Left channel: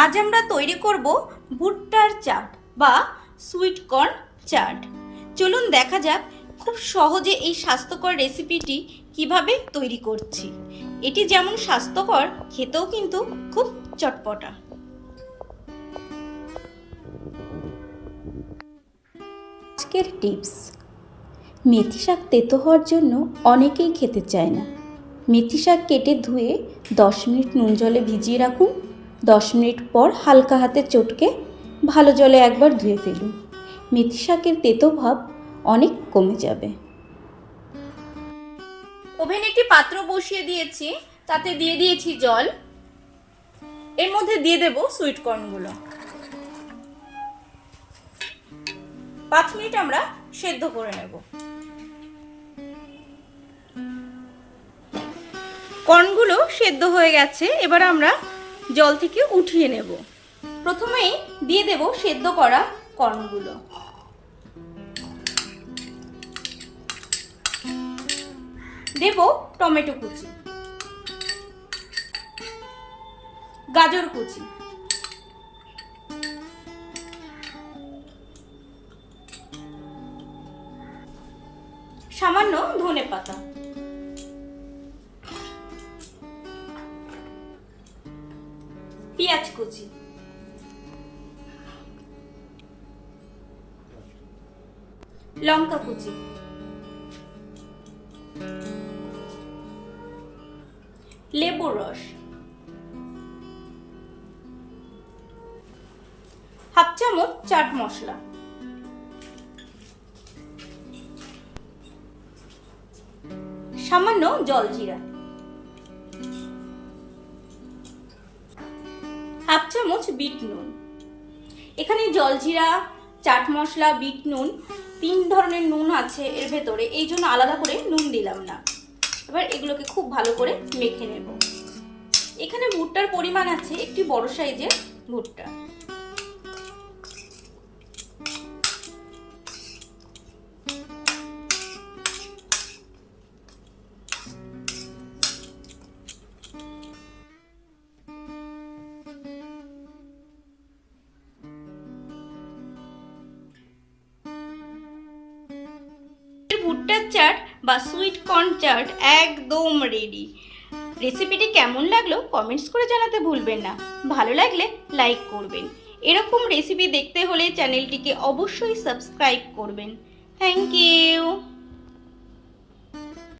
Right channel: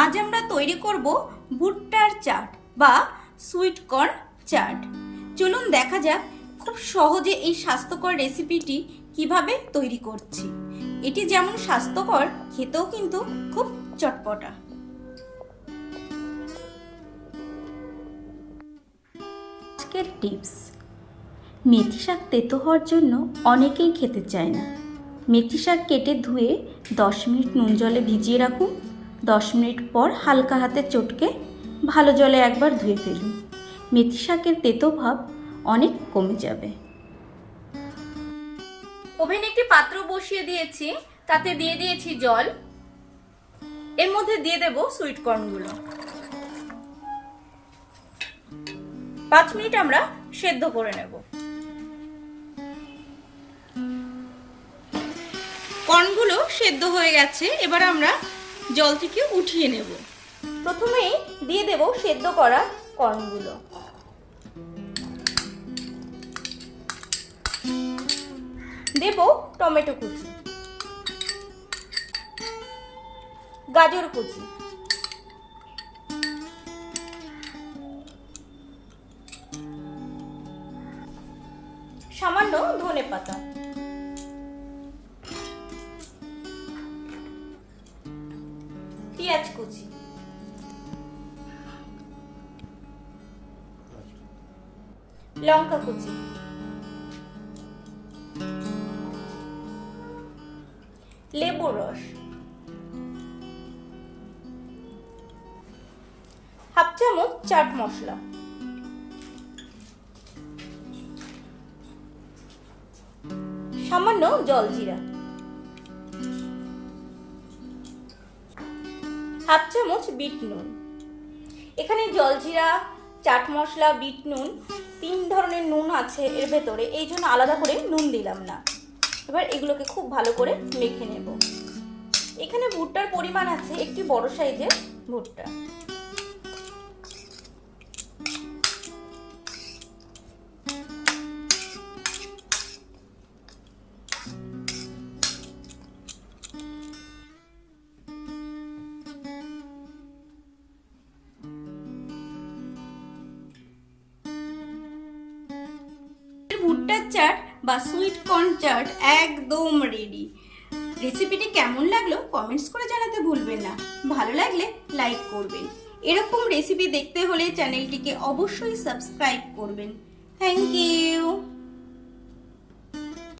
আজ আমরা তৈরি করব ভুট্টার চাট বা সুইট কর্ন চাট। চলুন দেখা যাক খুব সহজে এই স্বাস্থ্যকর রেসিপিটি কীভাবে তৈরি করছি। এটি যেমন স্বাস্থ্যকর, খেতেও কিন্তু খুব চটপটা। আজকের টিপস। মেথি শাক তেতো হওয়ার জন্য অনেকেই খেতে চায় না। মেথি শাক কেটে ধুয়ে দশ মিনিট নুন জলে ভিজিয়ে রাখুন। দশ মিনিট পর হালকা হাতে চটকে ভালো জলে একবার ধুয়ে ফেলুন। মেথি শাকের তেতো ভাব অনেক কমে যাবে। ওভেনে একটি পাত্র বসিয়ে দিয়েছি, তাতে দিয়ে দিয়েছি জল। এর মধ্যে দিয়ে দেব সুইট কর্নগুলো। পাঁচ মিনিট আমরা সেদ্ধ করে নেব। কর্নগুলো সেদ্ধ হয়ে গেছে, এবার আমরা জল থেকে উঠিয়ে নেব। প্রথমেই দিয়ে দেব সেদ্ধ করা কর্নগুলো দেব টমেটো কুচি। গাজর কুচি। সামান্য ধনে পাতা পেঁয়াজ কুচি। লঙ্কা কুচি। লেবুর রস। হাফ চামচ চাট মশলা। সামান্য জল জিরা হাফ চামচ বিট নুন। এখানে জলজিরা, চাট মশলা, বিট নুন, তিন ধরনের নুন আছে এর ভেতরে। এই জন্য আলাদা করে নুন দিলাম না। এবার এগুলোকে খুব ভালো করে মেখে নেব। এখানে ভুট্টার পরিমাণ আছে একটি বড় সাইজের ভুট্টা। চাট বা সুইট কর্ন চাট একদম রেডি রেসিপিটি কেমন লাগল কমেন্টস করে জানাতে ভুলবেন না। ভালো লাগলে লাইক করবেন। এরকম রেসিপি দেখতে হলে চ্যানেলটিকে অবশ্যই সাবস্ক্রাইব করবেন। Thank you